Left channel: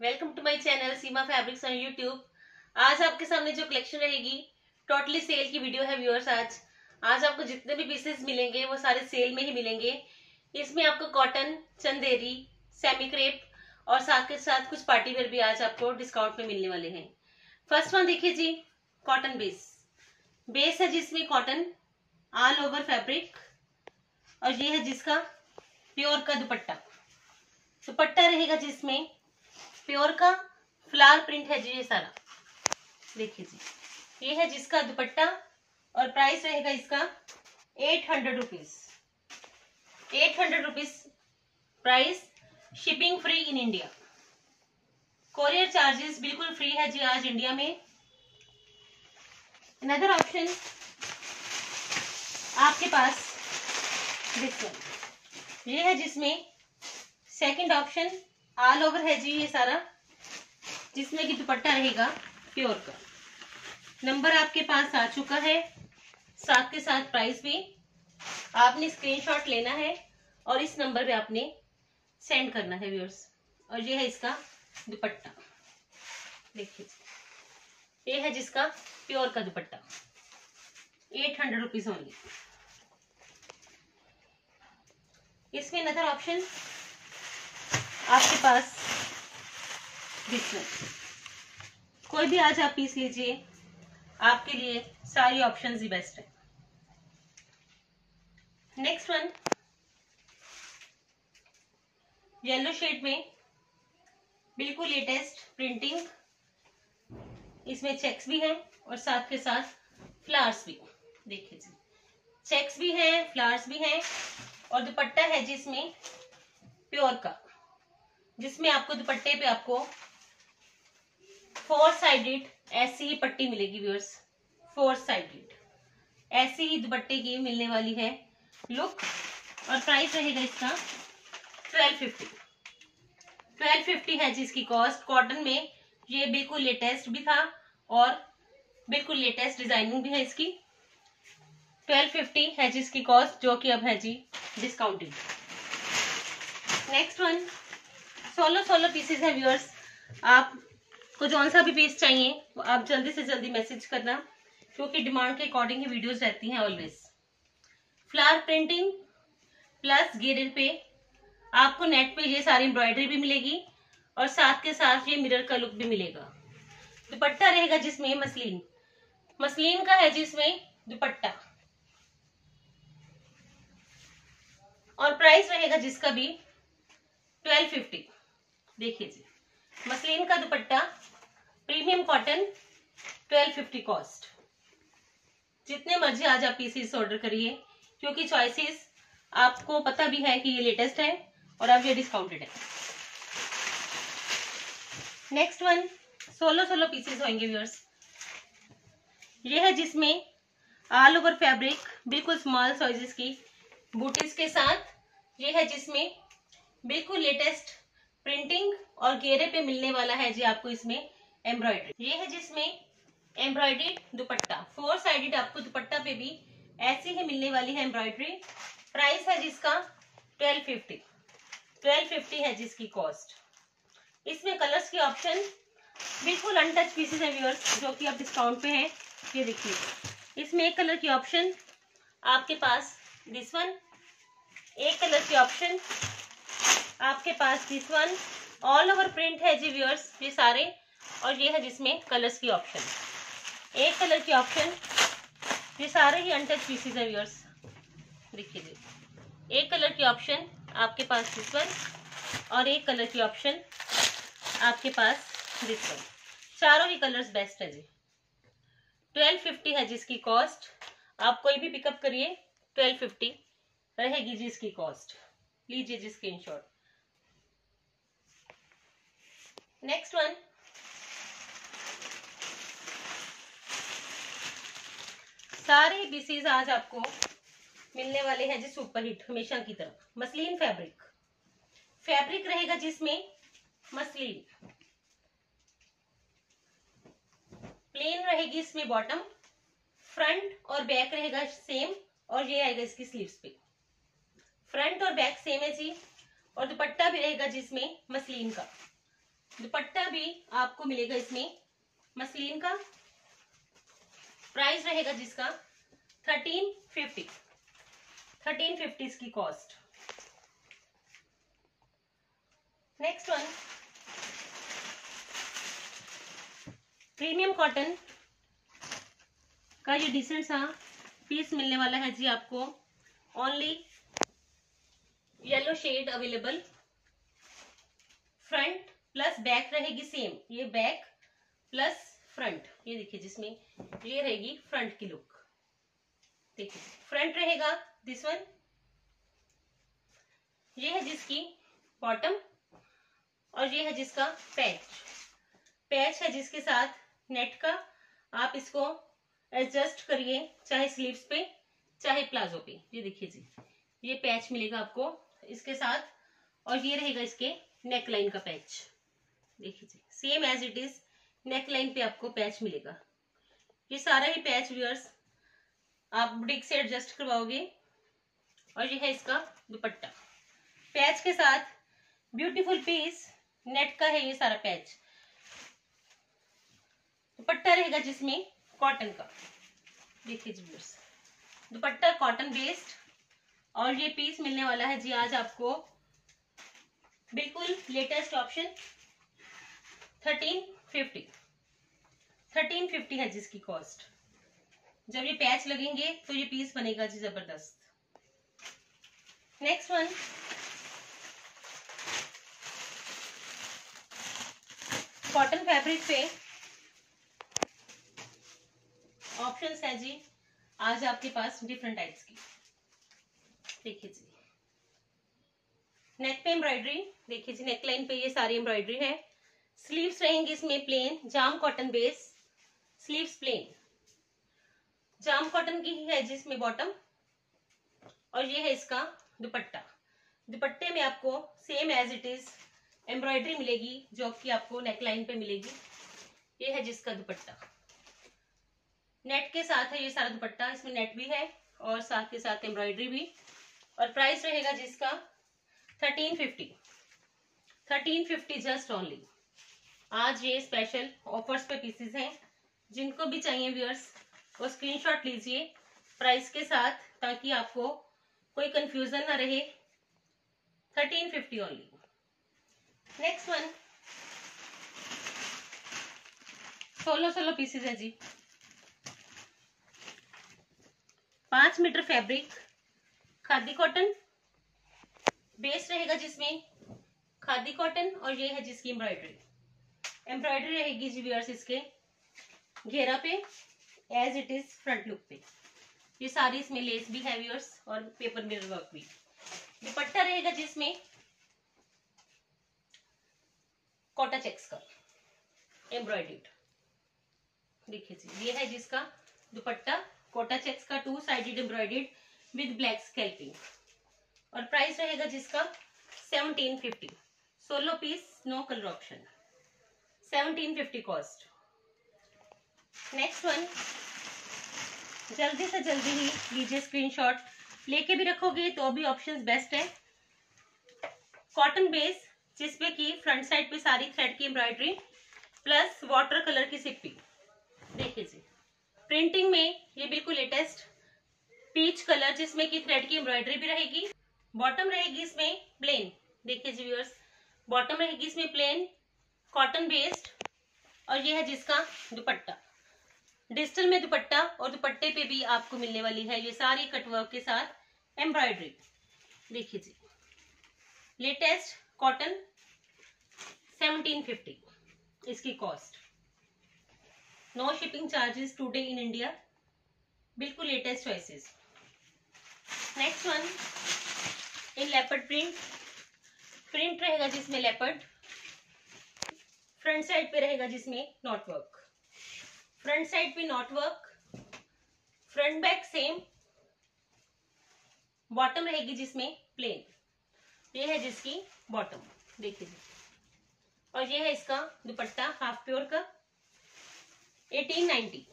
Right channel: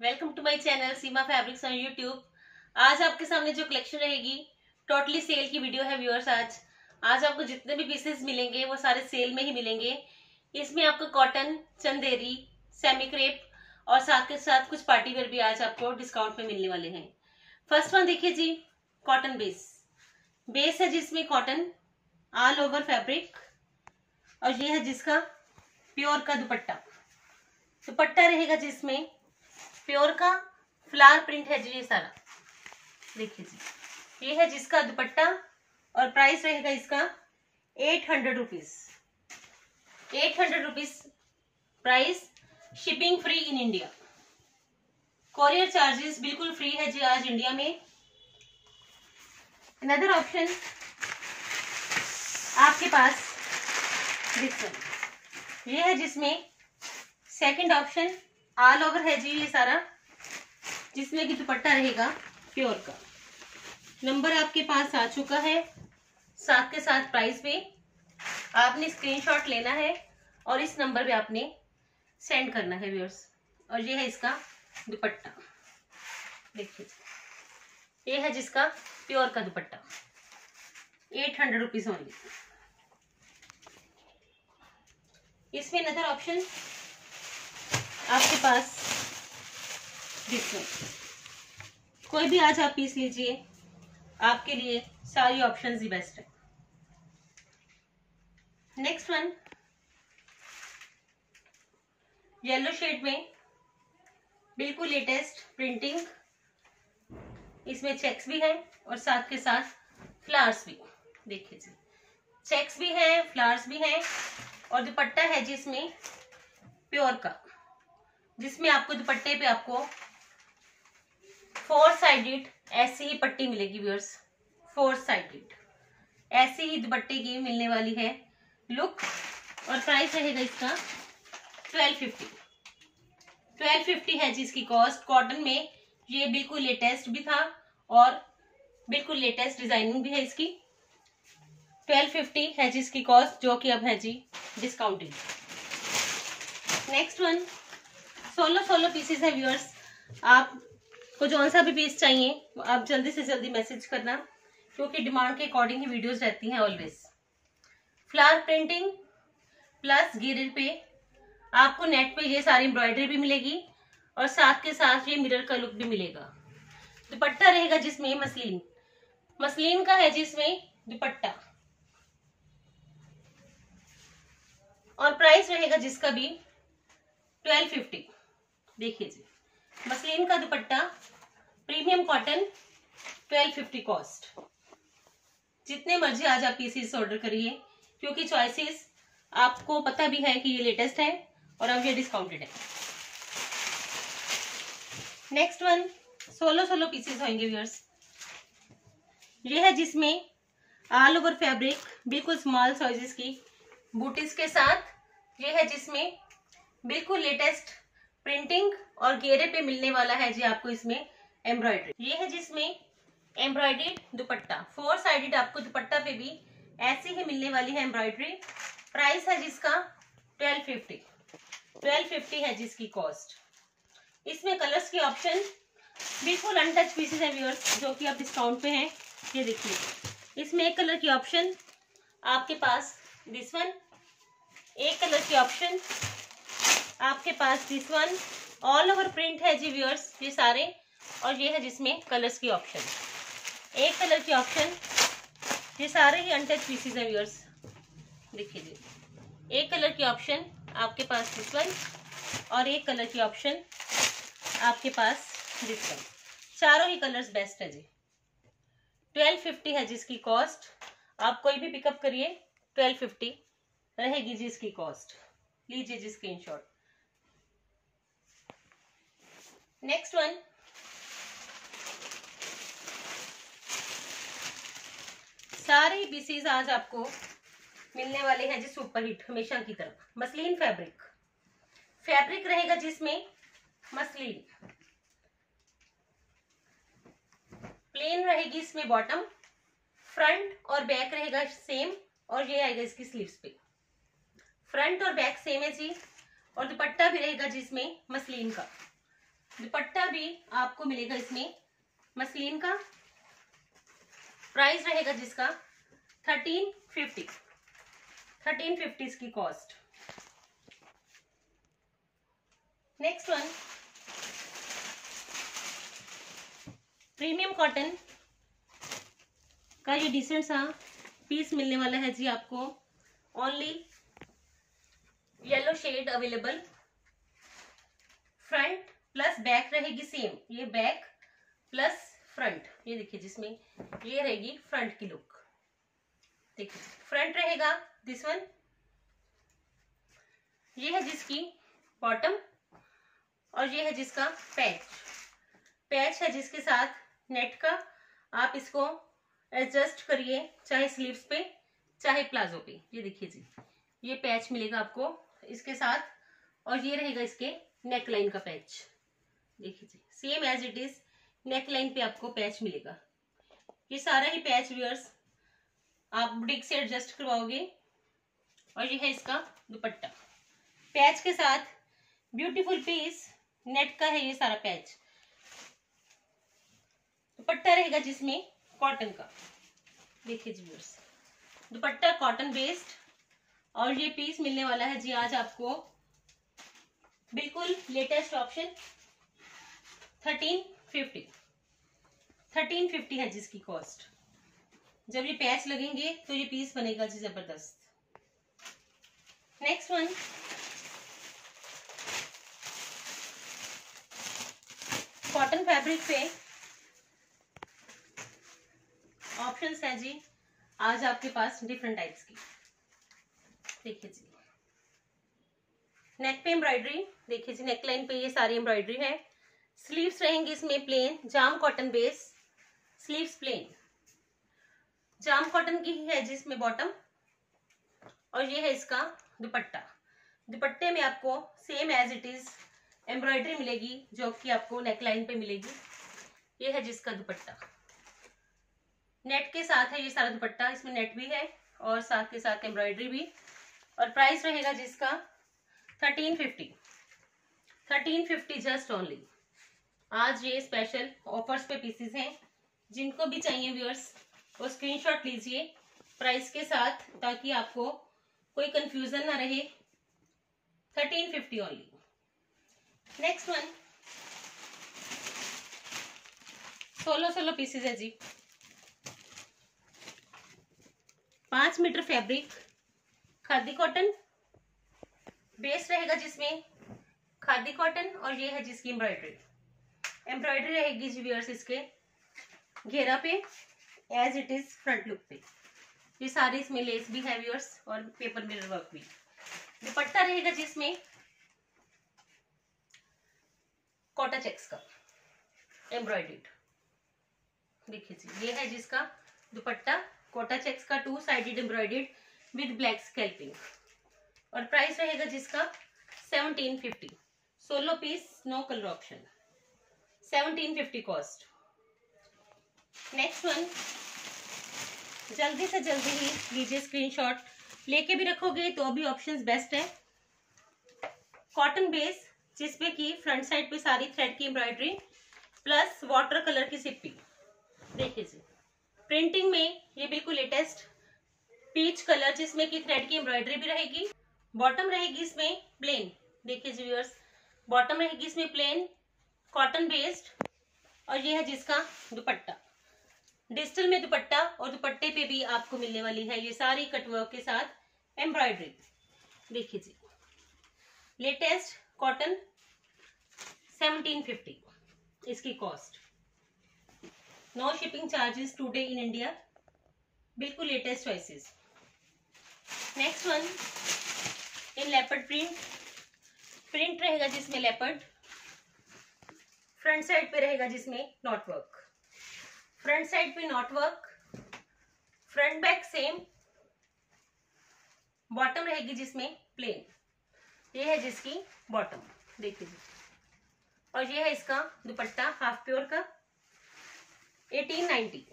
Welcome to my channel Seema fabrics on YouTube. आज आपके सामने जो कलेक्शन रहेगी टोटली सेल की वीडियो है व्यूअर्स। आज आपको जितने भी पीसेस मिलेंगे वो सारे सेल में ही मिलेंगे। इसमें आपको कॉटन, चंदेरी, सेमी क्रेप और साथ के साथ कुछ पार्टी वेयर भी आज आपको डिस्काउंट में मिलने वाले हैं। फर्स्ट वन देखिए जी, कॉटन बेस है जिसमें कॉटन ऑल ओवर फैब्रिक, और ये है जिसका प्योर का दुपट्टा रहेगा जिसमें प्योर का फ्लावर प्रिंट है जी। ये सारा देखिए जी, ये है जिसका दुपट्टा और प्राइस रहेगा इसका 800 rupees. 800 rupees price, shipping free in India, courier charges बिल्कुल फ्री है जी आज इंडिया में। अनदर ऑप्शन आपके पास ये है जिसमें सेकंड ऑप्शन ऑल ओवर है जी ये सारा, जिसमें कि दुपट्टा रहेगा प्योर का। नंबर आपके पास आ चुका है, साथ के साथ प्राइस भी। आपने स्क्रीनशॉट लेना है और इस नंबर पे आपने सेंड करना है व्यूअर्स। और ये है इसका दुपट्टा, देखिए ये है जिसका प्योर का दुपट्टा, 800 रुपीज ओनली। इसमें अनदर ऑप्शन आपके पास कोई भी आज आप पीस लीजिए, आपके लिए सारी ऑप्शंस ही बेस्ट है। नेक्स्ट वन येलो शेड में बिल्कुल लेटेस्ट प्रिंटिंग, इसमें चेक्स भी है और साथ के साथ फ्लावर्स भी। देखिए जी, चेक्स भी है, फ्लावर्स भी है और दुपट्टा है जिसमें प्योर का, जिसमें आपको दुपट्टे पे आपको 4 साइडेड ऐसी ही पट्टी मिलेगी व्यूअर्स। 4 साइडेड ऐसी ही दुपट्टे की मिलने वाली है लुक। और प्राइस रहेगा इसका 1250 है जिसकी कॉस्ट। कॉटन में ये बिल्कुल लेटेस्ट भी था और बिल्कुल लेटेस्ट डिजाइनिंग भी है इसकी। 1250 है जिसकी कॉस्ट, जो कि अब है जी डिस्काउंटेड। नेक्स्ट वन 16 पीसेस है व्यूअर्स। आपको जौन सा भी पीस चाहिए वो आप जल्दी से जल्दी मैसेज करना, क्योंकि डिमांड के अकॉर्डिंग ही वीडियोस रहती हैं ऑलवेज। फ्लावर प्रिंटिंग प्लस घेरे पे आपको नेट पे ये सारी एम्ब्रॉयडरी भी मिलेगी और साथ के साथ ये मिरर का लुक भी मिलेगा। दुपट्टा रहेगा जिसमें मसलिन का है जिसमें दुपट्टा, और प्राइस रहेगा जिसका भी 1250। देखिए जी, मसलिन का दुपट्टा प्रीमियम कॉटन, 1250 कॉस्ट। जितने मर्जी आज आप पीसेस ऑर्डर करिए, क्योंकि चॉइसेस आपको पता भी है कि ये लेटेस्ट है और अब ये डिस्काउंटेड है। नेक्स्ट वन 16 पीसेस होंगे व्यूअर्स। ये है जिसमें ऑल ओवर फैब्रिक बिल्कुल स्मॉल साइजेस की बूटीज के साथ, ये है जिसमें बिल्कुल लेटेस्ट प्रिंटिंग और घेरे पे मिलने वाला है जी आपको इसमें एम्ब्रॉयडरी। ये है जिसमें एम्ब्रॉयडरी दुपट्टा, 4 साइडेड आपको दुपट्टा पे भी ऐसी ही मिलने वाली है एम्ब्रॉयडरी। प्राइस है जिसका 1250 है जिसकी कॉस्ट। इसमें कलर्स की ऑप्शन बिल्कुल अनटच पीसेस है व्यूअर्स, जो कि अब डिस्काउंट पे हैं। ये देखिए, इसमें एक कलर की ऑप्शन आपके पास दिस वन, एक कलर की ऑप्शन आपके पास this one. All over print है जी व्यूअर्स ये सारे, और ये है जिसमें कलर्स की ऑप्शन, एक कलर की ऑप्शन। ये सारे ही अनटच पीसेस है व्यूअर्स। देखिए जी, एक कलर की ऑप्शन आपके पास दिस वन और एक कलर की ऑप्शन आपके पास दिस वन। चारों ही कलर्स बेस्ट है जी। 1250 है जिसकी कॉस्ट। आप कोई भी पिकअप करिए, 1250 रहेगी जी इसकी कॉस्ट। लीजिए जी स्क्रीनशॉट। नेक्स्ट वन सारे पीसेस आज आपको मिलने वाले हैं जी सुपर हिट हमेशा की तरह। मसलिन फैब्रिक रहेगा जिसमें मसलिन, प्लेन रहेगी इसमें बॉटम, फ्रंट और बैक रहेगा सेम, और ये आएगा इसकी स्लीव्स पे। फ्रंट और बैक सेम है जी, और दुपट्टा भी रहेगा जिसमें मसलिन का। दुपट्टा भी आपको मिलेगा इसमें मसलिन का। प्राइस रहेगा जिसका 1350, 1350 इसकी cost. Next one premium cotton का ये डिसेंट सा पीस मिलने वाला है जी आपको। Only yellow shade available. Front plus back रहेगी सेम, ये बैक प्लस फ्रंट, ये देखिए जिसमें ये रहेगी फ्रंट की लुक। देखिए फ्रंट रहेगा दिस वन, ये है जिसकी बॉटम और ये है जिसका पैच। पैच है जिसके साथ नेट का। आप इसको एडजस्ट करिए चाहे स्लीव्स पे चाहे प्लाजो पे। ये देखिए जी, ये पैच मिलेगा आपको इसके साथ और ये रहेगा इसके नेक लाइन का पैच। देखिए जी same as it is neck line पे आपको पैच मिलेगा। ये सारा ही पैच व्यूअर्स आप बुटीक से एडजस्ट करवाओगे। और ये है इसका दुपट्टा पैच के साथ। ब्यूटीफुल पीस नेट का है ये सारा पैच। दुपट्टा रहेगा जिसमें कॉटन का। देखिए जी व्यूअर्स दुपट्टा कॉटन बेस्ड और ये पीस मिलने वाला है जी आज आपको बिल्कुल लेटेस्ट ऑप्शन 1350, 1350 है जिसकी कॉस्ट। जब ये पैच लगेंगे तो ये पीस बनेगा जी जबरदस्त। नेक्स्ट वन कॉटन फैब्रिक पे ऑप्शंस है जी आज आपके पास डिफरेंट टाइप्स की। देखिए जी नेक पे एम्ब्रॉयडरी, देखिए जी नेक लाइन पे ये सारी एम्ब्रॉयडरी है। स्लीव्स रहेंगे इसमें प्लेन जाम कॉटन बेस, स्लीव्स प्लेन जाम कॉटन की ही है जिसमें बॉटम और ये है इसका दुपट्टा। दुपट्टे में आपको same as it is embroidery मिलेगी जो कि आपको नेक लाइन पे मिलेगी। ये है जिसका दुपट्टा नेट के साथ है ये सारा दुपट्टा। इसमें नेट भी है और साथ के साथ एम्ब्रॉयडरी भी। और प्राइस रहेगा जिसका 1350, 1350 जस्ट ओनली। आज ये स्पेशल ऑफर्स पे पीसेस हैं। जिनको भी चाहिए व्यूअर्स वो स्क्रीनशॉट लीजिए प्राइस के साथ ताकि आपको कोई कंफ्यूजन ना रहे। 1350 ओनली। नेक्स्ट वन 16 पीसेस है जी। 5 metre fabric khadi cotton base रहेगा जिसमें खादी कॉटन और ये है जिसकी एम्ब्रॉयडरी। एम्ब्रॉयडरी रहेगी जी व्यूअर्स इसके घेरा पे as it is front look पे। ये सारी इसमें लेस भी है व्यूअर्स और पेपर मिरर वर्क भी। दुपट्टा रहेगा जिसमें कोटा चेक्स का एम्ब्रॉयडर्ड। देखिए जी ये है जिसका दुपट्टा कोटा चेक्स का 2 sided embroidered with black scalloping. और प्राइस रहेगा जिसका 1750। 16 piece no colour option 1750 cost. Next one जल्दी से जल्दी ही लीजिए स्क्रीनशॉट। लेके भी रखोगे तो भी ऑप्शंस बेस्ट है। कॉटन बेस जिसपे की फ्रंट साइड पे सारी थ्रेड की एम्ब्रॉयडरी प्लस वाटर कलर की सिप्पी। देखिए जी प्रिंटिंग में ये बिल्कुल लेटेस्ट पीच कलर जिसमें की थ्रेड की एम्ब्रॉयडरी भी रहेगी। बॉटम रहेगी इसमें प्लेन। देखिए जी व्यूअर्स बॉटम रहेगी इसमें प्लेन कॉटन बेस्ड और ये है जिसका दुपट्टा डिजिटल में दुपट्टा। और दुपट्टे पे भी आपको मिलने वाली है ये सारी कटवर्क के साथ एम्ब्रॉयडरी। देखिए जी लेटेस्ट कॉटन 1750 इसकी cost. No shipping charges today in India. बिल्कुल latest choices. Next one in leopard print. Print रहेगा जिसमें लेपर्ड। फ्रंट साइड पे रहेगा जिसमें नॉट वर्क। फ्रंट साइड पे knot work front back same. Bottom रहेगी जिसमें प्लेन। ये है जिसकी बॉटम। देखिए जी और ये है इसका दुपट्टा हाफ प्योर का 1890।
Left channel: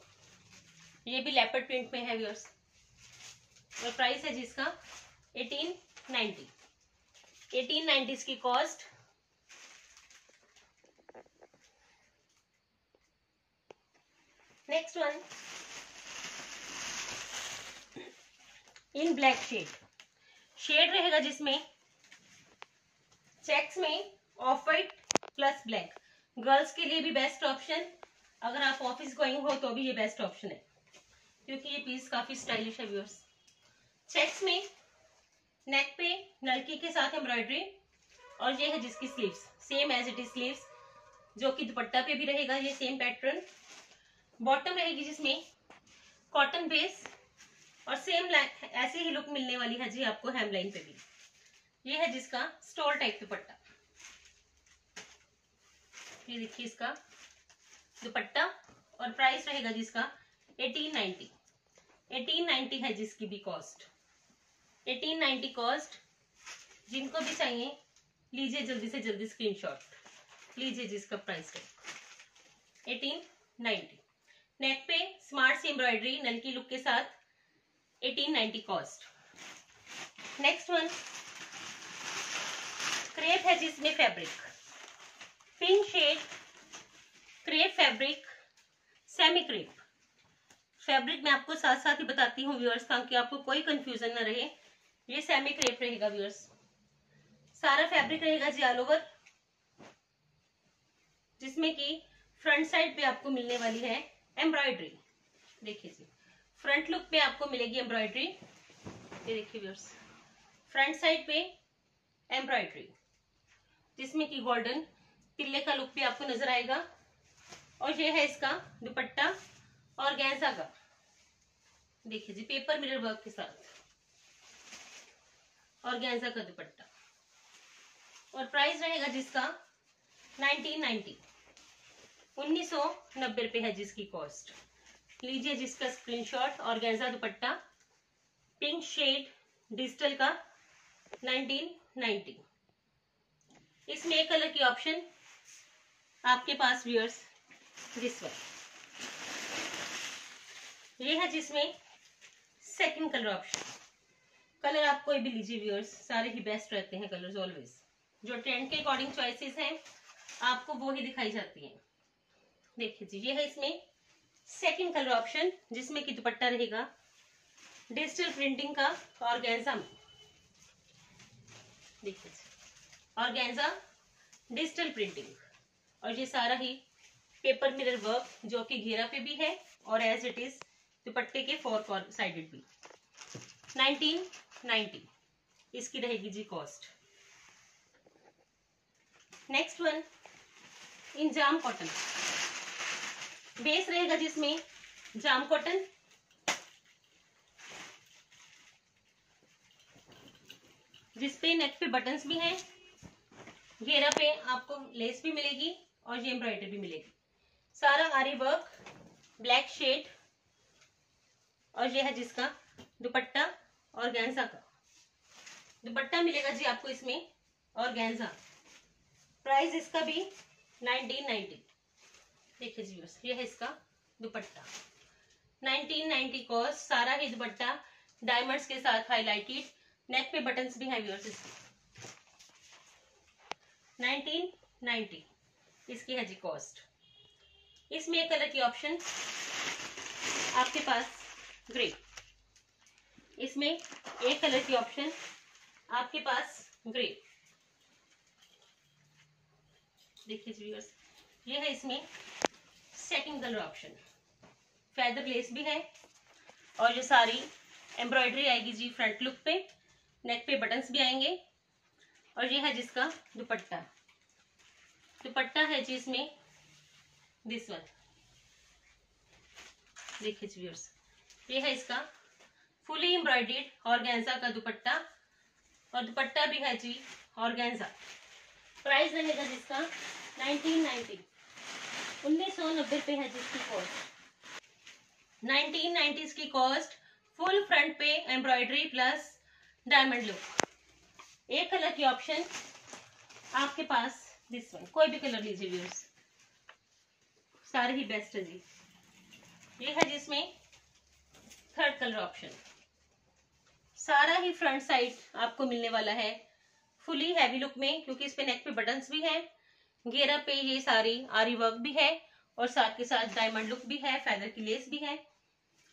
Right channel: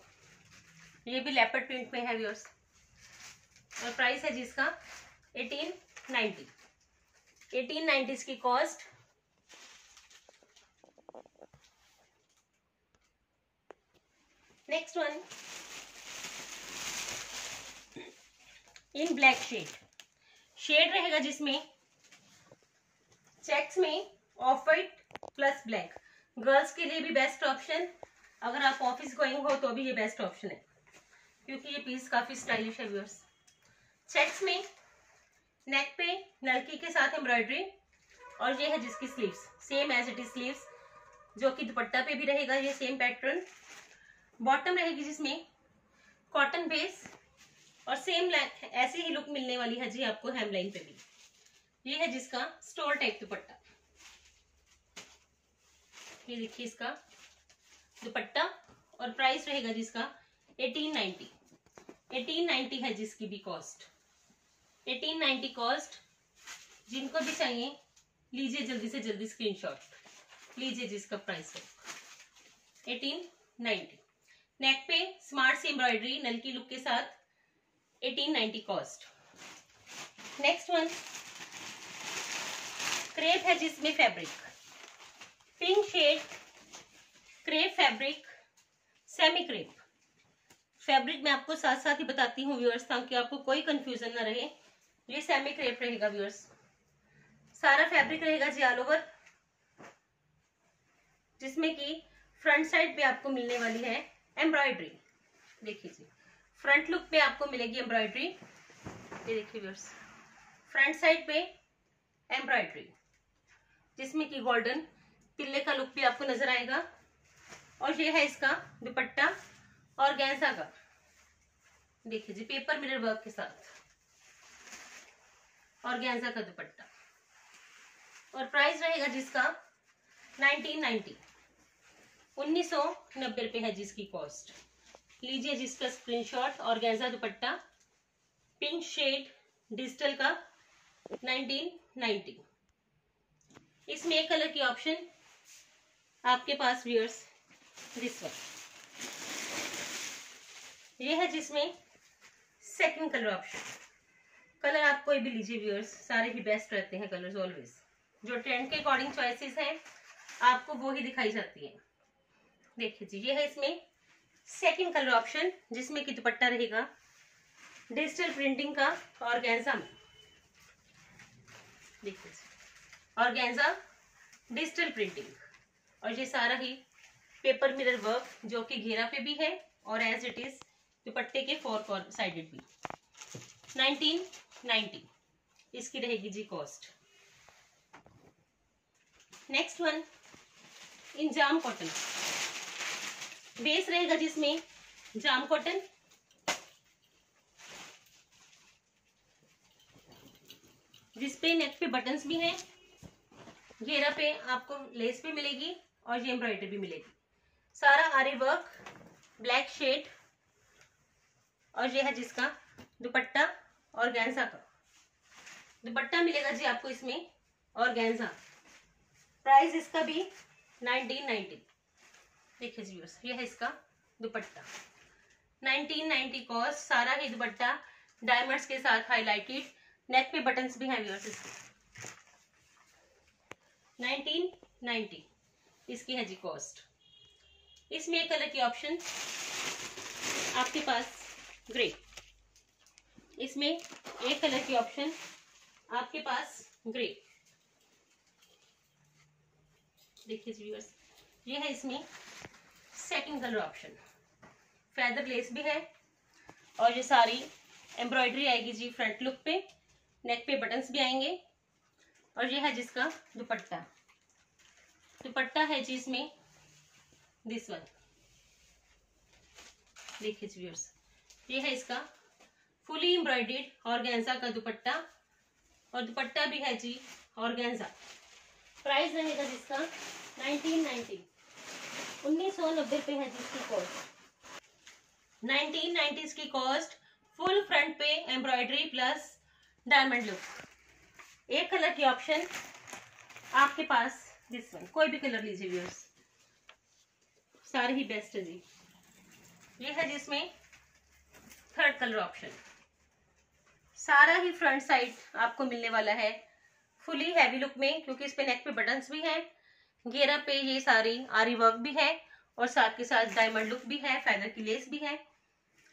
ये भी लेपर्ड प्रिंट में है व्यूअर्स और प्राइस है जिसका 1890। 1890 इसकी cost. Next one in black shade रहेगा जिसमें चेक्स में off white plus black. Girls के लिए भी बेस्ट ऑप्शन, अगर आप ऑफिस गोइंग हो तो भी ये बेस्ट ऑप्शन है, क्योंकि ये पीस काफी स्टाइलिश है व्यूअर्स। चेक्स में नेक पे नलकी के साथ एम्ब्रॉयडरी, और ये है जिसकी sleeves same as it is sleeves, जो कि दुपट्टा पे भी रहेगा ये सेम पैटर्न। बॉटम रहेगी जिसमें कॉटन बेस, और सेम ऐसी ही लुक मिलने वाली है जी आपको हेमलाइन पे भी। ये है जिसका स्टोल टाइप दुपट्टा, ये देखिए इसका दुपट्टा, और प्राइस रहेगा जिसका 1890। 1890 है जिसकी भी कॉस्ट, 1890 कॉस्ट। जिनको भी चाहिए लीजिए जल्दी से जल्दी स्क्रीनशॉट लीजिए, जिसका प्राइस है 1890। नेक पे स्मार्ट सी एम्ब्रॉयडरी नलकी लुक के साथ 1890 कॉस्ट। नेक्स्ट वन क्रेप है जिसमें fabric pink shade, crepe fabric, semi crepe fabric. मैं आपको साथ साथ ही बताती हूँ व्यूअर्स, ताकि आपको कोई कंफ्यूजन ना रहे। ये सेमी क्रेप रहेगा व्यूअर्स, सारा फैब्रिक रहेगा जी ऑल ओवर, जिसमें कि फ्रंट साइड पे आपको मिलने वाली है एम्ब्रॉयडरी। देखिए जी फ्रंट लुक पे आपको मिलेगी एम्ब्रॉयडरी, ये देखिए व्यूअर्स फ्रंट साइड पे एम्ब्रॉयडरी, जिसमें कि गोल्डन तिल्ले का लुक भी आपको नजर आएगा। और ये है इसका दुपट्टा और गैंजा का, देखिए जी पेपर मिरर वर्क के साथ, और गैंजा का दुपट्टा। और प्राइस रहेगा जिसका 1990, 1990 रुपए है जिसकी कॉस्ट। लीजिए जिसका स्क्रीनशॉट। और गैंजा दुपट्टा पिंक शेड डिजिटल का 1990। इसमें एक कलर की ऑप्शन आपके पास व्यूअर्स, दिस वन, ये है जिसमें सेकंड कलर ऑप्शन। कलर आप कोई भी लीजिए व्यूअर्स, सारे ही बेस्ट रहते हैं कलर्स ऑलवेज। जो ट्रेंड के अकॉर्डिंग चॉइसेस हैं आपको वो ही दिखाई जाती है। देखिए जी ये है इसमें सेकंड कलर ऑप्शन, जिसमें कि दुपट्टा रहेगा डिजिटल प्रिंटिंग का ऑर्गेन्जा में, देखिए ऑर्गेन्जा डिजिटल प्रिंटिंग, और ये सारा ही पेपर मिरर वर्क जो कि घेरा पे भी है और एज इट इज दुपट्टे के फोर साइडेड भी। 1990 इसकी रहेगी जी cost. Next one in jam cotton, base रहेगा जिसमें जाम कॉटन, जिसपे नेक पे बटन्स भी हैं, घेरा पे आपको लेस भी मिलेगी और ये एम्ब्रॉयडरी भी मिलेगी। सारा आरी वर्क ब्लैक शेड, और ये है जिसका दुपट्टा और गैंजा का दुपट्टा मिलेगा जी आपको इसमें, और गैंजा। प्राइस इसका भी 1990। देखिए जी ये है इसका दुपट्टा 1990 कॉस्ट। सारा ही दुपट्टा डायमंड्स के साथ हाईलाइटेड, नेक पे बटन्स भी हैं व्यूअर्स इसके। 1990 इसकी है जी कॉस्ट। इसमें एक कलर की ऑप्शन आपके पास ग्रे, इसमें एक कलर की ऑप्शन आपके पास ग्रे। देखिए व्यूअर्स ये है इसमें second colour option, feather less भी है, और ये सारी एम्ब्रॉयडरी आएगी जी फ्रंट लुक पे, नेक पे बटन्स भी आएंगे, और ये है जिसका दुपट्टा। दुपट्टा है जी इसमें दिस वन, देखिए व्यूअर्स ये है इसका फुली एम्ब्रॉयडर्ड ऑर्गेन्जा का दुपट्टा, और दुपट्टा भी है जी ऑर्गेन्जा। प्राइस रहेगा जिसका 1990, 1990 पे है जिसकी कॉस्ट। 1990 इसकी कॉस्ट। फुल फ्रंट पे एम्ब्रॉयडरी प्लस डायमंड लुक। एक कलर की ऑप्शन आपके पास दिस वन, कोई भी कलर लीजिए व्यूअर्स, सारे ही बेस्ट है जी। ये है जिसमें थर्ड कलर ऑप्शन, सारा ही फ्रंट साइड आपको मिलने वाला है फुली हैवी लुक में, क्योंकि इस पे नेक पे बटन्स भी हैं, घेरा पे ये सारी आरी वर्क भी है, और साथ के साथ डायमंड लुक भी है, फेदर की लेस भी है।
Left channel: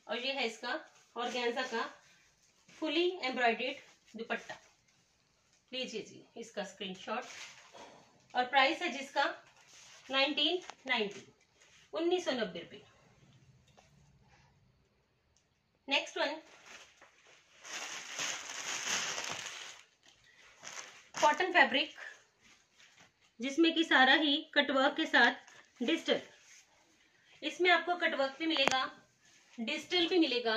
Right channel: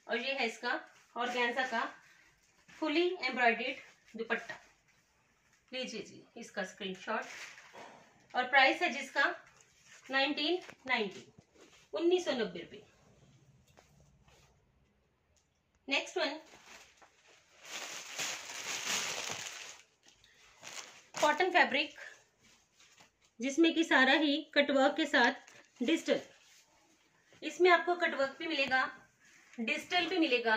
और ये है इसका ऑर्गेन्जा का फुली एम्ब्रॉयडर्ड दुपट्टा। लीजिए जी इसका स्क्रीनशॉट। और प्राइस है जिसका 1990, 1990 रुपये। नेक्स्ट वन कॉटन फैब्रिक, जिसमें कि सारा ही कटवर्क के साथ डिजिटल। इसमें आपको कटवर्क भी मिलेगा, डिजिटल भी मिलेगा।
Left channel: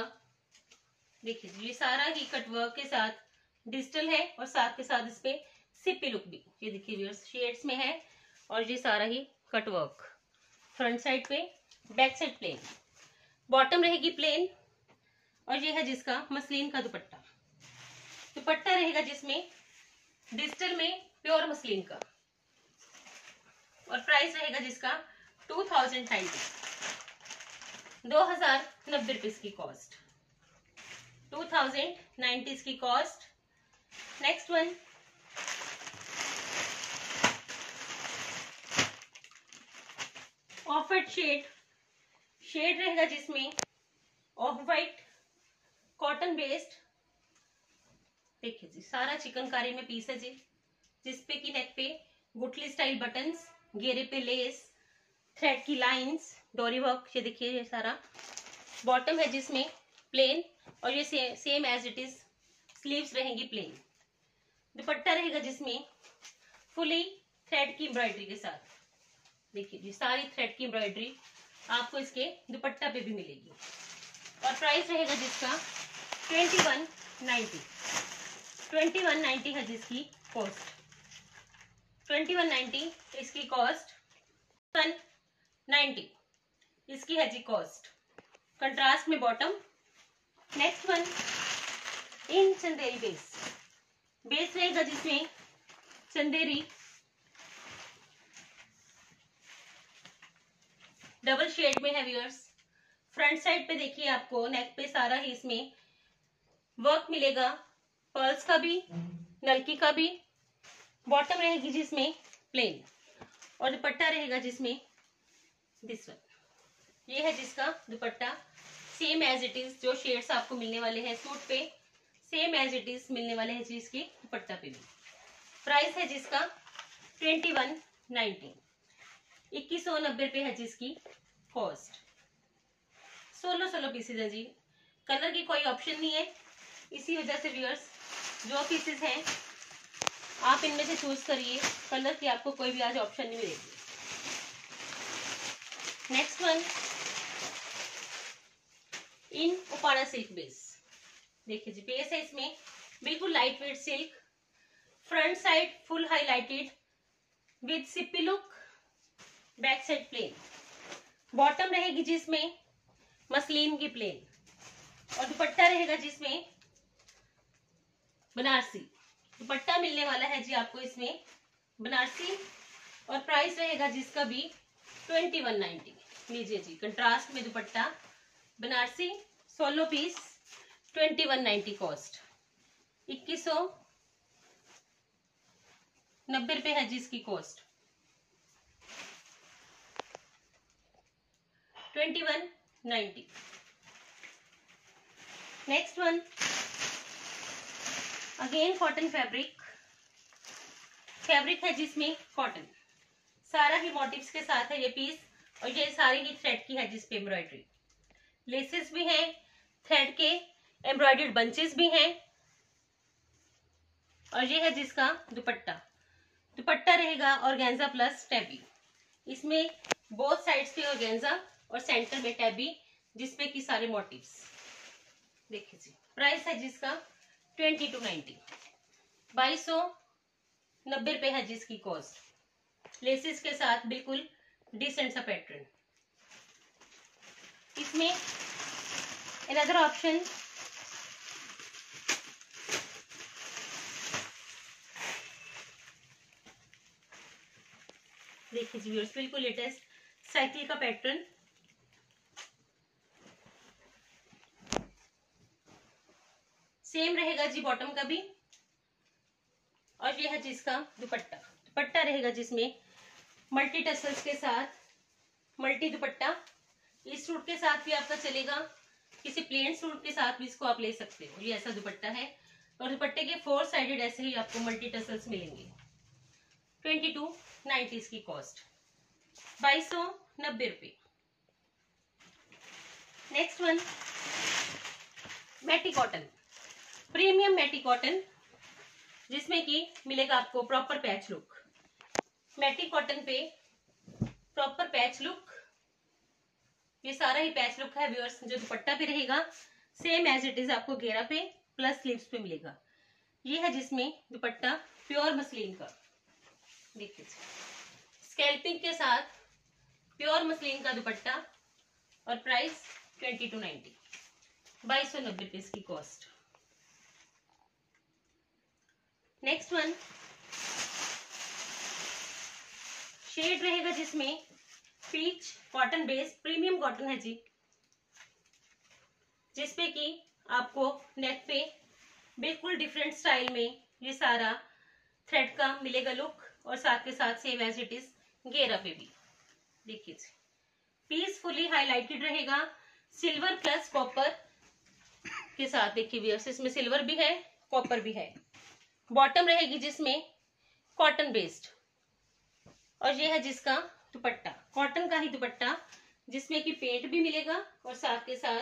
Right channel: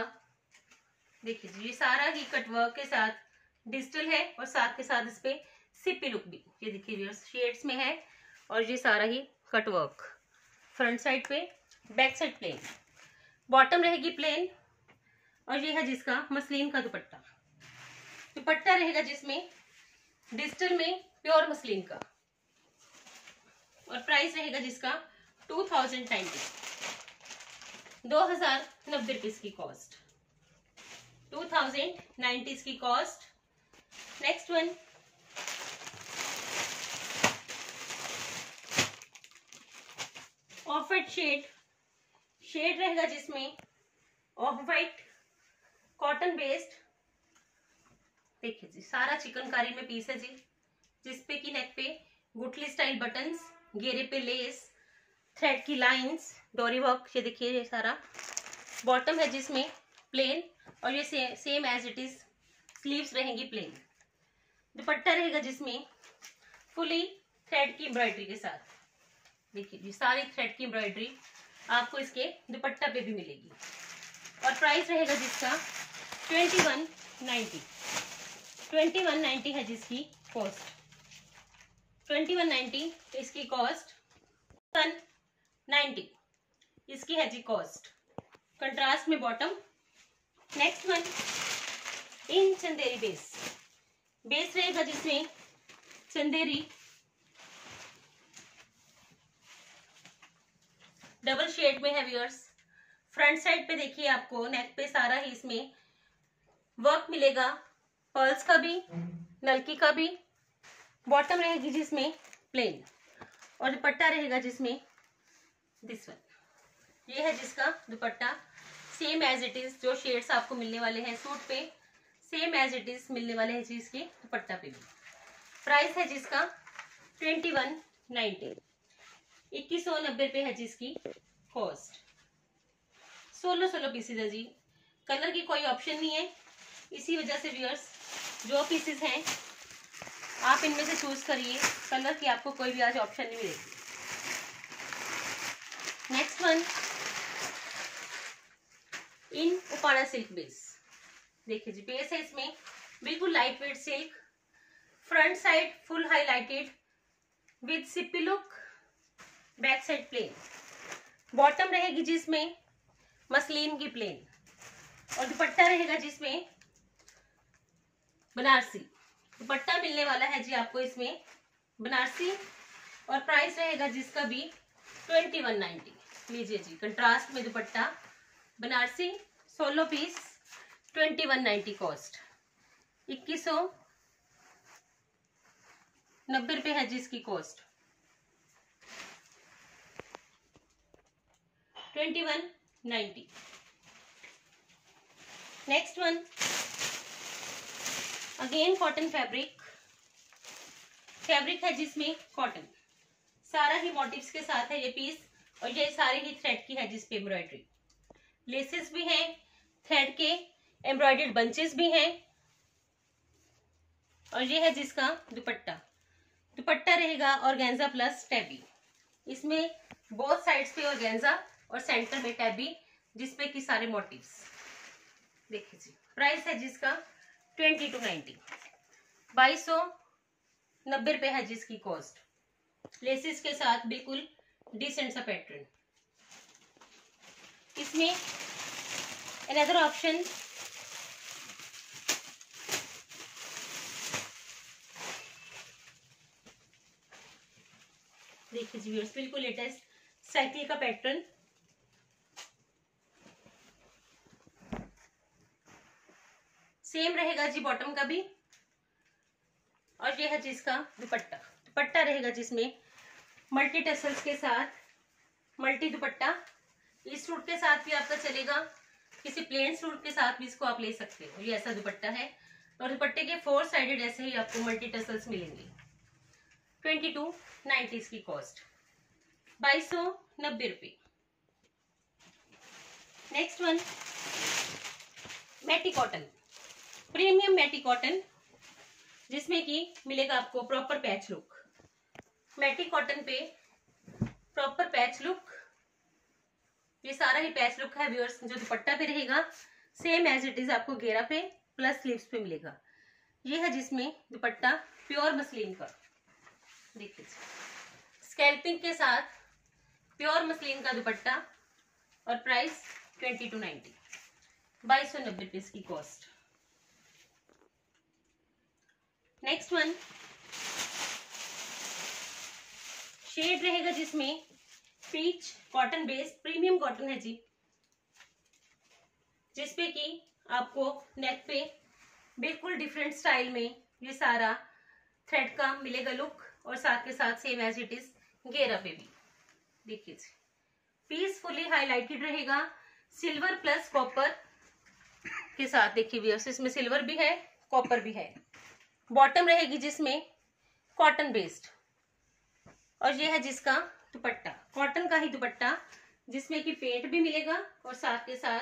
देखिए जी ये सारा ही कटवर्क के साथ डिजिटल है और साथ के साथ इस पे सिप्पी लुक भी, ये देखिए व्यूअर्स शेड्स में है। और ये सारा ही कटवर्क फ्रंट साइड पे, बैक साइड प्लेन, बॉटम रहेगी प्लेन। और ये है जिसका मसलिन का दुपट्टा। दुपट्टा रहेगा जिसमें डिजिटल में प्योर मसलिन का। और प्राइस रहेगा जिसका 2090, 2090 रुपये की कॉस्ट, 2090 इसकी cost. Next one off white shade रहेगा जिसमें ऑफ वाइट कॉटन बेस्ड। देखिए जी सारा चिकनकारी में पीस है जी, जिसपे की नेक पे गुठली स्टाइल बटन्स, घेरे पे लेस, थ्रेड की लाइंस, डोरी वर्क। ये देखिए ये सारा बॉटम है जिसमें प्लेन। और ये same as it is sleeves रहेंगी प्लेन। दुपट्टा रहेगा जिसमें फुली थ्रेड की एम्ब्रॉयडरी के साथ। देखिए जी सारी थ्रेड की एम्ब्रॉयडरी आपको इसके दुपट्टा पे भी मिलेगी। और प्राइस रहेगा जिसका 2190, 2190 है जिसकी कॉस्ट, 2190 इसकी कॉस्ट, 190 इसकी है जी कॉस्ट। कंट्रास्ट में बॉटम। नेक्स्ट वन इन चंदेरी बेस रहेगा जिसमें चंदेरी डबल शेड में है व्यूअर्स। फ्रंट साइड पे देखिए आपको नेक पे सारा ही इसमें वर्क मिलेगा, पर्ल्स का भी, नलकी का भी। बॉटम रहेगी जिसमें प्लेन और दुपट्टा रहेगा जिसमें दिस वन। ये है जिसका dupatta, same as it is जो शेड्स आपको मिलने वाले हैं सूट पे, सेम एज इट इज मिलने वाले हैं जी इसके दुपट्टा पे भी। प्राइस है जिसका 2190, 2190 पे है जिसकी कॉस्ट। 16 पीसेज है जी, कलर की कोई ऑप्शन नहीं है। इसी वजह से व्यूअर्स जो पीसेज हैं आप इनमें से चूज करिए, कलर की आपको कोई भी आज ऑप्शन नहीं मिलेगी। Next one in Uppada silk base. देखिए जी बेस है इसमें बिल्कुल light weight silk, front side full highlighted with सिप्पी look, back side plain. Bottom रहेगी जिसमें मसलिन की प्लेन और दुपट्टा रहेगा जिसमें बनारसी दुपट्टा मिलने वाला है जी आपको इसमें बनारसी। और प्राइस रहेगा जिसका भी 2190। लीजिए जी कंट्रास्ट में दुपट्टा बनारसी, 16 पीस, 2190 कॉस्ट, 2190 रुपये है जिसकी cost, 2190। Next one again cotton fabric है जिसमें कॉटन, सारा ही मोटिव्स के साथ है ये पीस। और ये सारी ही थ्रेड की है जिसपे एम्ब्रॉयडरी, लेसेस भी हैं, थ्रेड के एम्ब्रॉयडर्ड बंचेस भी हैं। और ये है जिसका दुपट्टा रहेगा ऑर्गेन्जा प्लस टैबी। इसमें बोथ साइड्स पे ऑर्गेन्जा और सेंटर में टैबी, जिसपे की सारे मोटिव्स। देखिए जी प्राइस है जिसका 2290, 2290 रुपये है जिसकी कॉस्ट। लेसेस के साथ बिल्कुल डिसेंट सा पैटर्न। इसमें अनदर ऑप्शन देखिए जी व्यूअर्स बिल्कुल लेटेस्ट साइकिल का पैटर्न। सेम रहेगा जी बॉटम का भी। और ये है जिसका दुपट्टा रहेगा जिसमें मल्टी टसल्स के साथ मल्टी दुपट्टा, इस सूट के साथ भी आपका चलेगा, किसी प्लेन सूट के साथ भी इसको आप ले सकते हो। ये ऐसा दुपट्टा है और दुपट्टे के 4 साइडेड ऐसे ही आपको मल्टी टसल्स मिलेंगे। 2290 इसकी कॉस्ट, 2290 रुपये। Next one matty cotton, premium matty cotton, जिसमें कि मिलेगा आपको proper patch look. Matty cotton पे प्रॉपर पैच लुक, ये सारा ही पैच लुक है व्यूअर्स। जो दुपट्टा पे रहेगा सेम एज इट इज आपको घेरा पे प्लस स्लीव्स पे मिलेगा। ये है जिसमें दुपट्टा प्योर मसलिन का, देखिए स्कैल्पिंग के साथ प्योर मसलिन का दुपट्टा और प्राइस 2290, 2290 रुपये की कॉस्ट। नेक्स्ट वन शेड रहेगा जिसमें peach cotton base, premium cotton है जी, जिसपे कि आपको नेक पे बिल्कुल डिफरेंट स्टाइल में ये सारा थ्रेड का मिलेगा लुक और साथ के साथ सेम एज इट इज घेरा पे भी। देखिए पीसफुली हाईलाइटेड रहेगा सिल्वर प्लस कॉपर के साथ। देखिए व्यूअर्स इसमें सिल्वर भी है कॉपर भी है। बॉटम रहेगी जिसमें कॉटन बेस्ड और ये है जिसका दुपट्टा कॉटन का ही दुपट्टा, जिसमें कि पेंट भी मिलेगा और साथ के साथ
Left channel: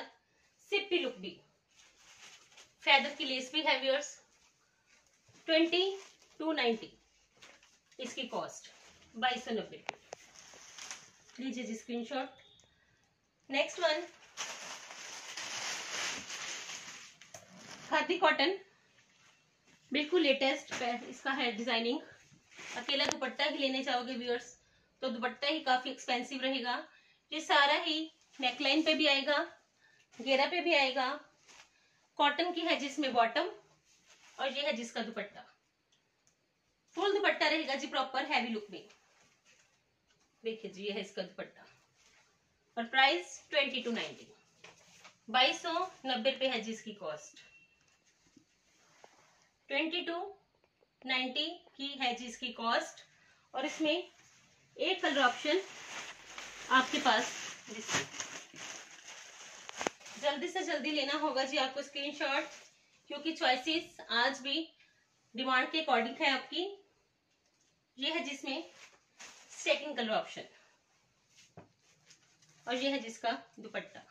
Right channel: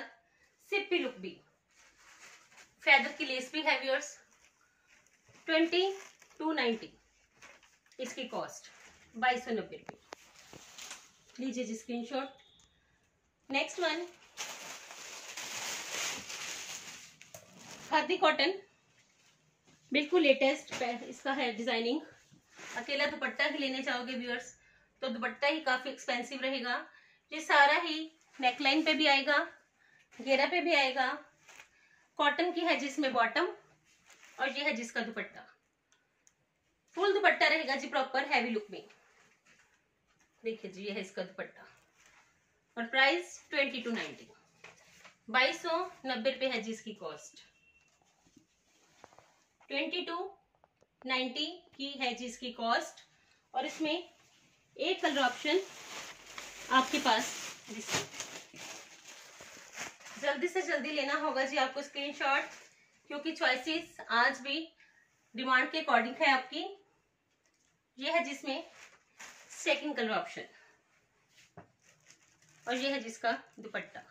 सिप्पी लुक भी, फेदर की लेस भी है व्यूअर्स। 2290 इसकी कॉस्ट, 2290 रुपये। लीजिए जी screenshot. Next one khadi cotton, बिल्कुल लेटेस्ट इसका है डिजाइनिंग। अकेला दुपट्टा ही लेने चाहोगे व्यूअर्स तो दुपट्टा ही काफी एक्सपेंसिव रहेगा। ये सारा ही नेकलाइन पे भी आएगा, घेरा पे भी आएगा, कॉटन की है जिसमें बॉटम और ये है जिसका दुपट्टा। फुल दुपट्टा रहेगा जी प्रॉपर हैवी लुक में। देखिए जी ये है इसका दुपट्टा और प्राइस 2290, 2290 रुपये है जी इसकी कॉस्ट। 2290 की है जी इसकी कॉस्ट और इसमें एक कलर ऑप्शन आपके पास, जल्दी से जल्दी लेना होगा जी आपको स्क्रीनशॉट, क्योंकि चॉइसेस आज भी डिमांड के अकॉर्डिंग है आपकी। ये है जिसमें सेकंड कलर ऑप्शन और ये है जिसका दुपट्टा।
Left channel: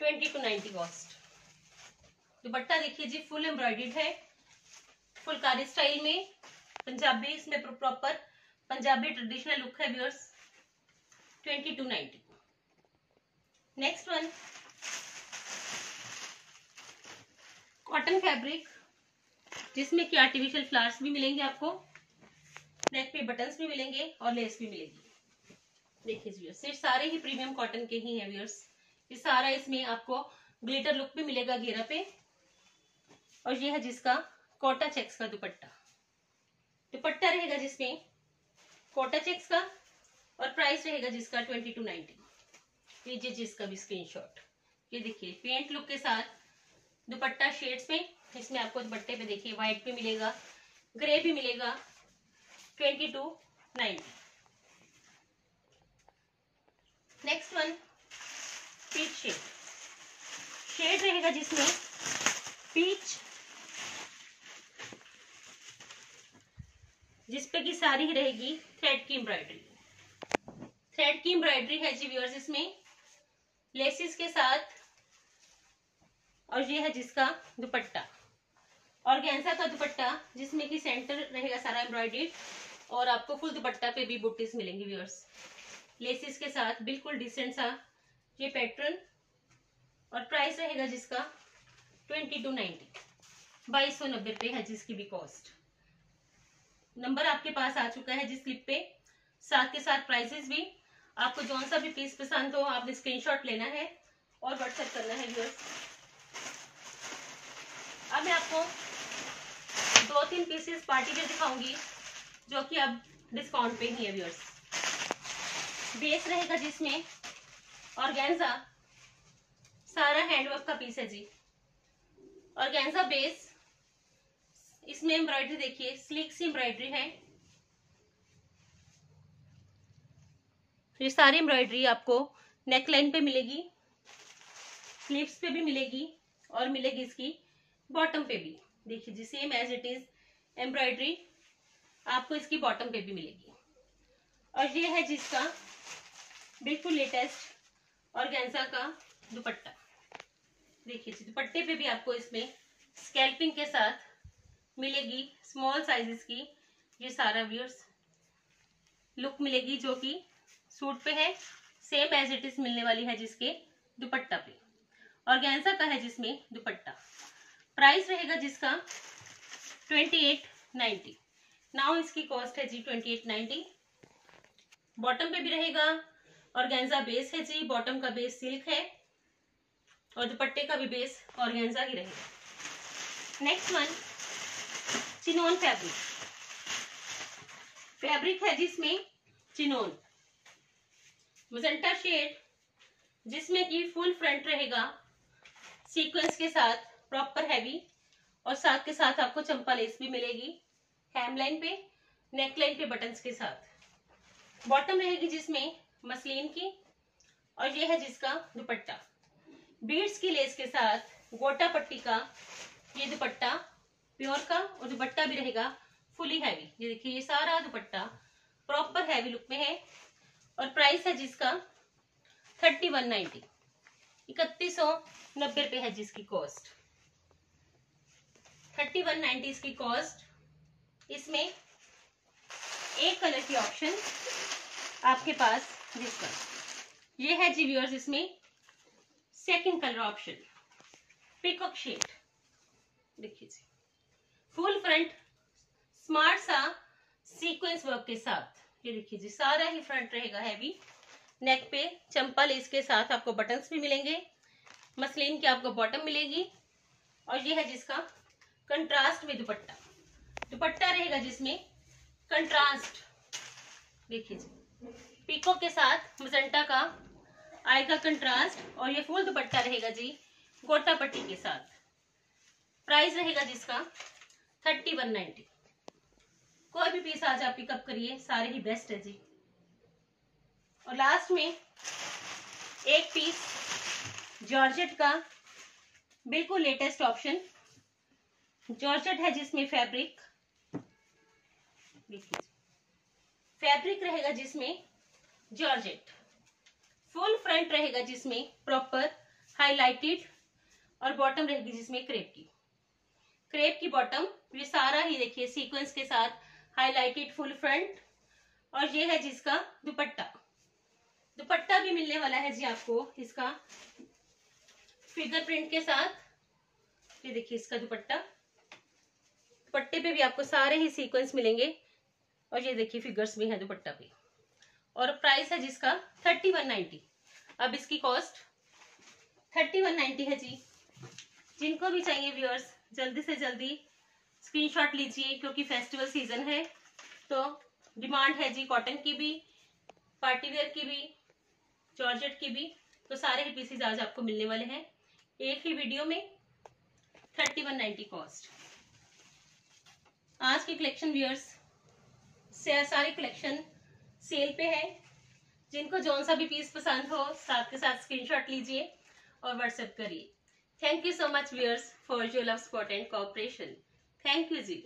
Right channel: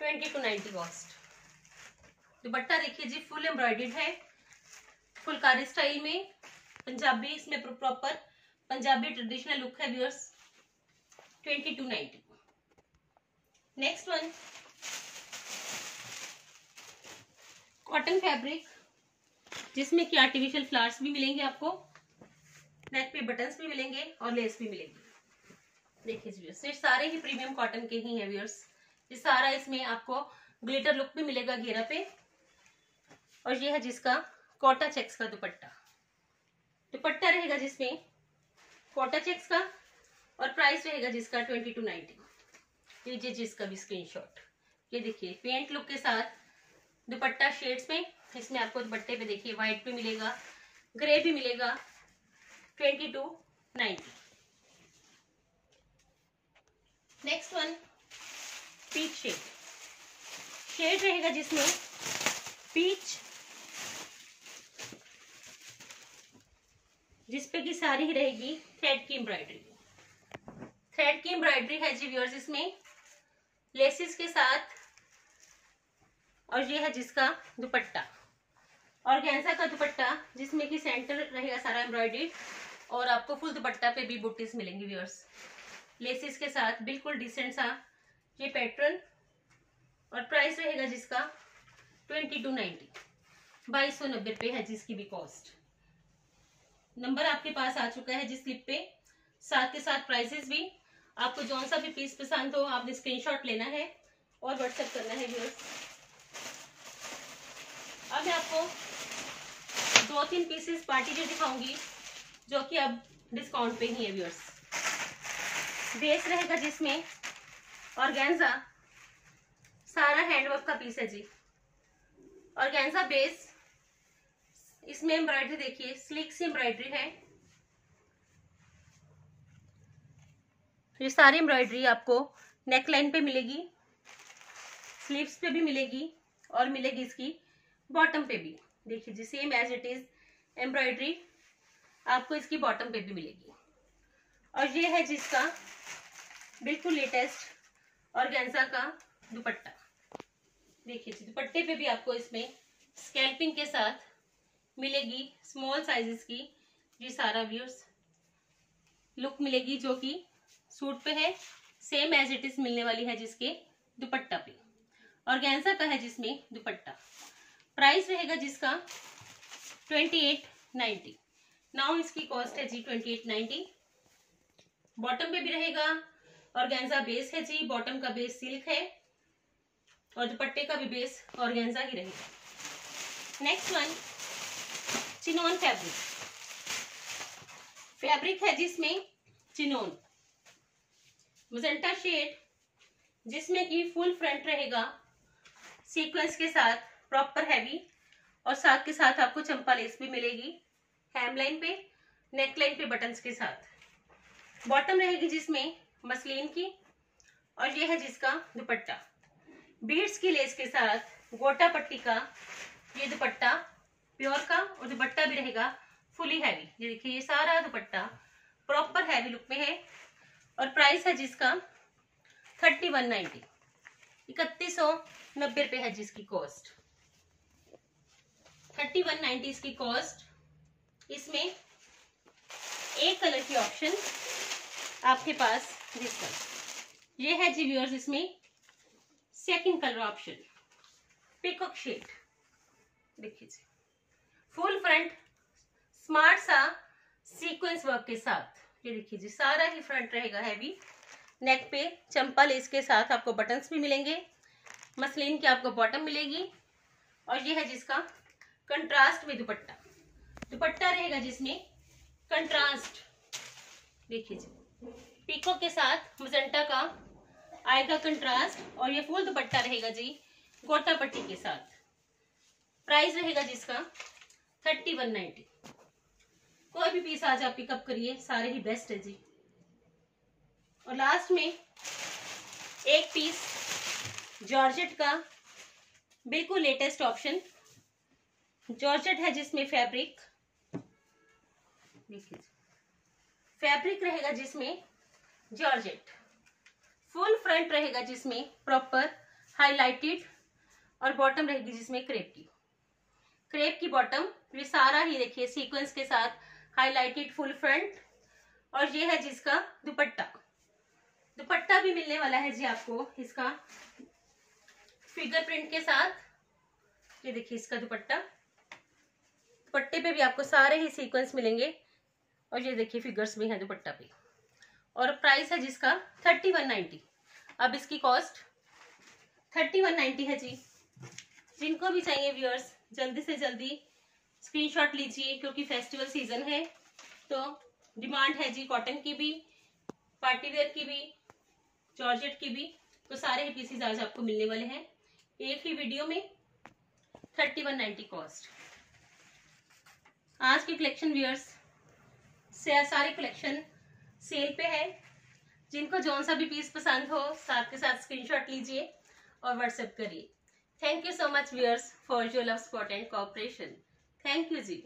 2290 कॉस्ट। दुपट्टा देखिए जी फुल एम्ब्रॉयडर्ड है, फुलकारी स्टाइल में, पंजाबी इसमें प्रॉपर पंजाबी ट्रेडिशनल लुक है viewers. 2290। Next one cotton fabric, जिसमें कि आर्टिफिशियल फ्लावर्स भी मिलेंगे आपको, नेक पे बटन्स भी मिलेंगे और लेस भी मिलेगी। देखिए व्यूअर्स ये सारे ही प्रीमियम कॉटन के ही हैं व्यूअर्स। ये सारा इसमें आपको ग्लिटर लुक भी मिलेगा घेरा पे और ये है जिसका कोटा चेक्स का दुपट्टा। दुपट्टा रहेगा जिसमें कोटा चेक्स का और प्राइस रहेगा जिसका 2290। लीजिए जिसका भी स्क्रीनशॉट। ये देखिए पेंट लुक के साथ दुपट्टा शेड्स में, इसमें आपको दुपट्टे पे देखिए व्हाइट भी मिलेगा, ग्रे भी मिलेगा। 2290। नेक्स्ट वन पीच शेड रहेगा जिसमें पीच, जिसपे की सारी रहेगी थ्रेड की एम्ब्रॉयडरी। थ्रेड की एम्ब्रॉयडरी है जी व्यूअर्स इसमें लेसिस के साथ और ये है जिसका दुपट्टा ऑर्गेन्जा का दुपट्टा, जिसमें कि सेंटर रहेगा सारा एम्ब्रॉयडरी और आपको फुल दुपट्टा पे भी बुटीज मिलेंगी व्यूअर्स लेसिस के साथ। बिल्कुल डिसेंट सा ये पैटर्न और प्राइस रहेगा जिसका 2290, 2290 रुपये है जिसकी भी कॉस्ट। नंबर आपके पास आ चुका है जिस स्लिप पे, साथ के साथ प्राइसेस भी। आपको जौन सा भी पीस पसंद हो आपने स्क्रीनशॉट लेना है और व्हाट्सएप करना है व्यूअर्स। अब मैं आपको 2-3 पीसेस पार्टी वेयर दिखाऊंगी जो कि अब डिस्काउंट पे ही है व्यूअर्स। बेस रहेगा जिसमें ऑर्गेन्जा, सारा हैंडवर्क का पीस है जी। ऑर्गेन्जा बेस, इसमें एम्ब्रॉयडरी देखिए स्लिक सी एम्ब्रॉयडरी है ये सारी एम्ब्रॉयडरी आपको नेक लाइन पे मिलेगी, स्लीव्स पे भी मिलेगी और मिलेगी इसकी बॉटम पे भी। देखिए जी, same as it is embroidery आपको इसकी बॉटम पे भी मिलेगी। और ये है जिसका बिल्कुल लेटेस्ट ऑर्गेन्जा का दुपट्टा। देखिए जी, दुपट्टे पे भी आपको इसमें स्कैल्पिंग के साथ मिलेगी स्मॉल साइजेस की ये सारा व्यूअर्स लुक मिलेगी, जो कि सूट पे है, सेम एज इट इज मिलने वाली है जिसके दुपट्टा पे। ऑर्गेन्जा का है जिसमें दुपट्टा। प्राइस रहेगा जिसका 2890। नाउ इसकी कॉस्ट है जी 2890। बॉटम पे भी रहेगा, ऑर्गेन्जा बेस है जी, बॉटम का बेस सिल्क है और दुपट्टे का भी बेस ऑर्गेन्जा ही रहेगा। Next one chinon fabric. Fabric है जिसमें चिनोन मजेंटा शेड, जिसमें कि फुल फ्रंट रहेगा सीक्वेंस के साथ, प्रॉपर हैवी, और साथ के साथ आपको चंपा लेस भी मिलेगी हेमलाइन पे, नेकलाइन पे बटन्स के साथ। बॉटम रहेगी जिसमें मसलिन की, और ये है जिसका दुपट्टा बीड्स की लेस के साथ गोटा पट्टी का ये दुपट्टा प्योर का, और दुपट्टा भी रहेगा फुली हैवी। ये देखिए, ये सारा दुपट्टा प्रॉपर हैवी लुक में है। और प्राइस है जिसका 3190, 3190 रुपए है जिसकी कॉस्ट। 3190 इसकी कॉस्ट। इसमें एक कलर की ऑप्शन आपके पास जिसका ये है जी व्यूअर्स, इसमें second colour option peacock shade. देखिए जी, फुल फ्रंट स्मार्ट सा सीक्वेंस वर्क के साथ। ये देखिए जी, सारा ही फ्रंट रहेगा हैवी, नेक पे चंपा लेस के साथ आपको बटन्स भी मिलेंगे, मसलिन की आपको बॉटम मिलेगी, और ये है जिसका कंट्रास्ट में दुपट्टा। दुपट्टा रहेगा जिसमें कंट्रास्ट, देखिए जी, पीको के साथ मजेंटा का आएगा कंट्रास्ट, और ये फुल दुपट्टा रहेगा जी गोटा पट्टी के साथ। प्राइस रहेगा जिसका 3190। कोई भी पीस आज आप पिकअप करिए, सारे ही बेस्ट है जी। और लास्ट में एक पीस जॉर्जेट का बिल्कुल लेटेस्ट ऑप्शन, जॉर्जेट है जिसमें फैब्रिक, देखिए फैब्रिक रहेगा जिसमें जॉर्जेट, फुल फ्रंट रहेगा जिसमें प्रॉपर हाईलाइटेड, और बॉटम रहेगी जिसमें क्रेप की बॉटम। ये सारा ही देखिए सीक्वेंस के साथ हाईलाइटेड फुल फ्रंट, और ये है जिसका दुपट्टा। दुपट्टा भी मिलने वाला है जी आपको इसका फिगर प्रिंट के साथ। ये देखिए इसका दुपट्टा, दुपट्टे पे भी आपको सारे ही सीक्वेंस मिलेंगे, और ये देखिए फिगर्स भी हैं दुपट्टा पे। और प्राइस है जिसका 3190। अब इसकी कॉस्ट 3190 है जी। जिनको भी चाहिए व्यूअर्स, जल्दी से जल्दी स्क्रीनशॉट लीजिए, क्योंकि फेस्टिवल सीजन है तो डिमांड है जी कॉटन की भी, पार्टीवेयर की भी, जॉर्जेट की भी। तो सारे ही पीसेज आज आपको मिलने वाले हैं एक ही वीडियो में, 3190 कॉस्ट। आज की कलेक्शन व्यूअर्स से सारे कलेक्शन सेल पे है। जिनको जौन सा भी पीस पसंद हो, साथ के साथ स्क्रीनशॉट लीजिए और व्हाट्सएप करिए। Thank you so much viewers for your love, support and cooperation. Thank you ji.